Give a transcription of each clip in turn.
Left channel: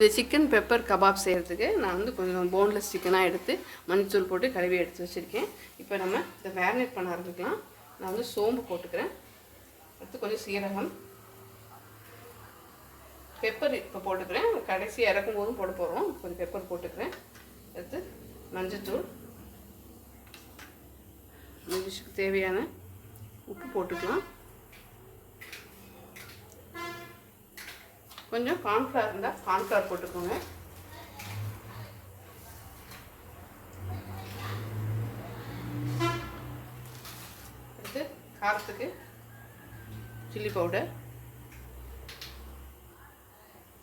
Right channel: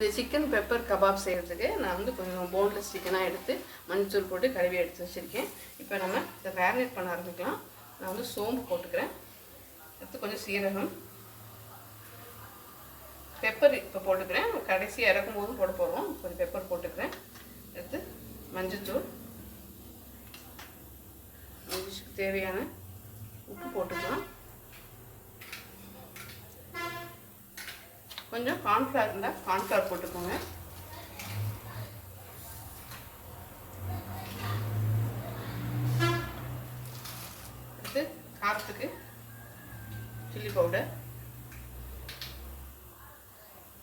இந்த chicken pepper kebab செய்கிறதுக்கு நான் வந்து கொஞ்சம் போன்லெஸ் சிக்கனாக எடுத்து மஞ்சள் போட்டு கழுவி எடுத்து வச்சுருக்கேன். இப்போ நம்ம இதை மேரினேட் பண்ண ஆரம்பிக்கலாம். நான் வந்து சோம்பு போட்டுக்கிறேன். அடுத்து கொஞ்சம் சீரகம். பெப்பர் இப்போ போட்டுக்கிறேன். கடைசி இறக்கும் போதும் போட போகிறோம் கொஞ்சம் பெப்பர் போட்டுக்கிறேன். அடுத்து மஞ்சத்தூள். மஞ்சள் தேவையான உப்பு போட்டுக்கலாம். கொஞ்சம் கார்ன்ஃப்ளவர் இருந்தால் கார்ன்ஃப்ளவர் போட்டுக்கோங்க. அடுத்து காரத்துக்கு சில்லி பவுடர்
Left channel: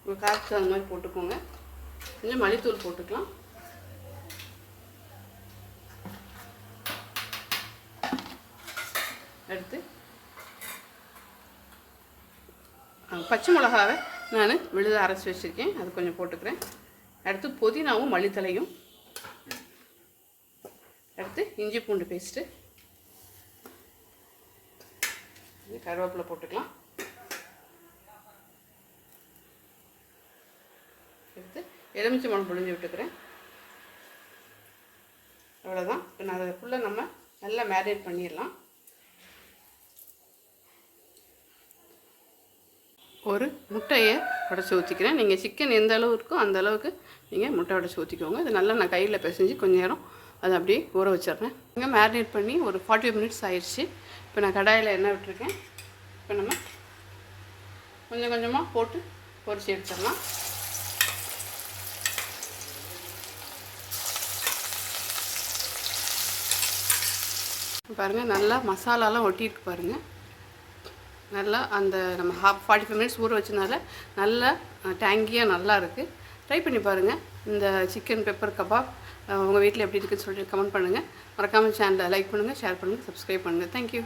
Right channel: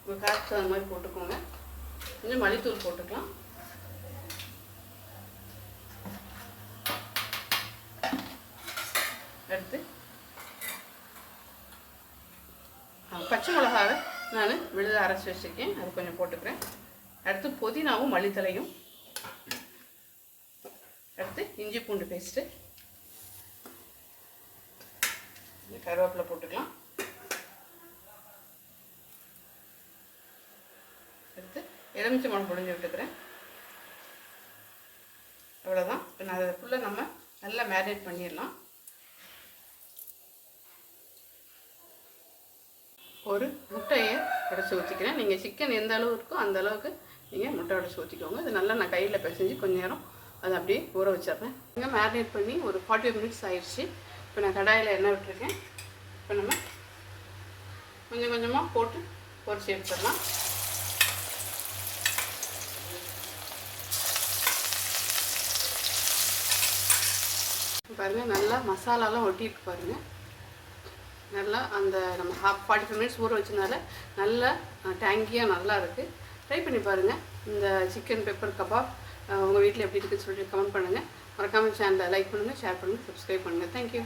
உங்கள் காரத்துக்கு அந்த மாதிரி போட்டுக்கோங்க. கொஞ்சம் மல்லித்தூள் போட்டுக்கலாம். அடுத்து பச்சை மிளகாவை நான் விழுத அரைச்சி வச்சுருக்கேன். அது கொஞ்சம் போட்டுக்கிறேன். அடுத்து புதினாவும் மல்லித்தலையும். அடுத்து இஞ்சி பூண்டு பேஸ்ட்டு. கருவேப்பிலை போட்டுக்கலாம். அடுத்து எலுமிச்சை மணம் பொழிஞ்சு விட்டுக்கிறேன். அவ்வளோதான் இப்போ நான் அதை ஃபுல்லாக நம்ம நல்லா மேரினேட் பண்ணிடலாம். ஒரு முட்டையை உடச்சி ஊற்றிக்கிறேன் நீங்கள் சிக்கன் எந்த அளவு இருக்கோ அந்த அளவுக்கு நீங்கள் முட்டை உடச்சி ஊற்றிக்கோங்க அது நல்லா நான் கையில் பிசைஞ்சு கொஞ்சம் நேரம் அதை அப்படியே ஊற வச்சிடுறேன். இங்கே மேரினேட் பண்ணி ஒரு ஃபார்ட்டி மினிட்ஸ் ஆயிடுச்சு இப்போ நான் கடாயில் எண்ணெய் விட்டுருக்கேன். இப்போ நம்ம கொஞ்சம் கொஞ்சமாக போட்டு பொரிச்சு எடுத்துடலாம். பாருங்கள் நல்லா மசாலாலாம் ஒட்டிட்டு பாருங்கள் நல்லா அந்த நம்ம ஹாஃப் ஃபார்ட்டி ஃபைவ் மினிட்ஸ் ஊற வச்சனால நல்லா டேங்கியாக நல்லா இருக்குது ட்ரை பண்ணி பாருங்கள் இந்த சிக்கன் பெப்பர் கபாப் உங்கள் வீட்டில் எப்படி இருக்குன்னு சொல்லிட்டு கமெண்ட் பண்ணுங்கள் மறக்காமல் சேனலை லைக் பண்ணுங்கள் ஷேர் பண்ணுங்கள் சப்ஸ்கிரைப் பண்ணுங்கள் தேங்க்யூ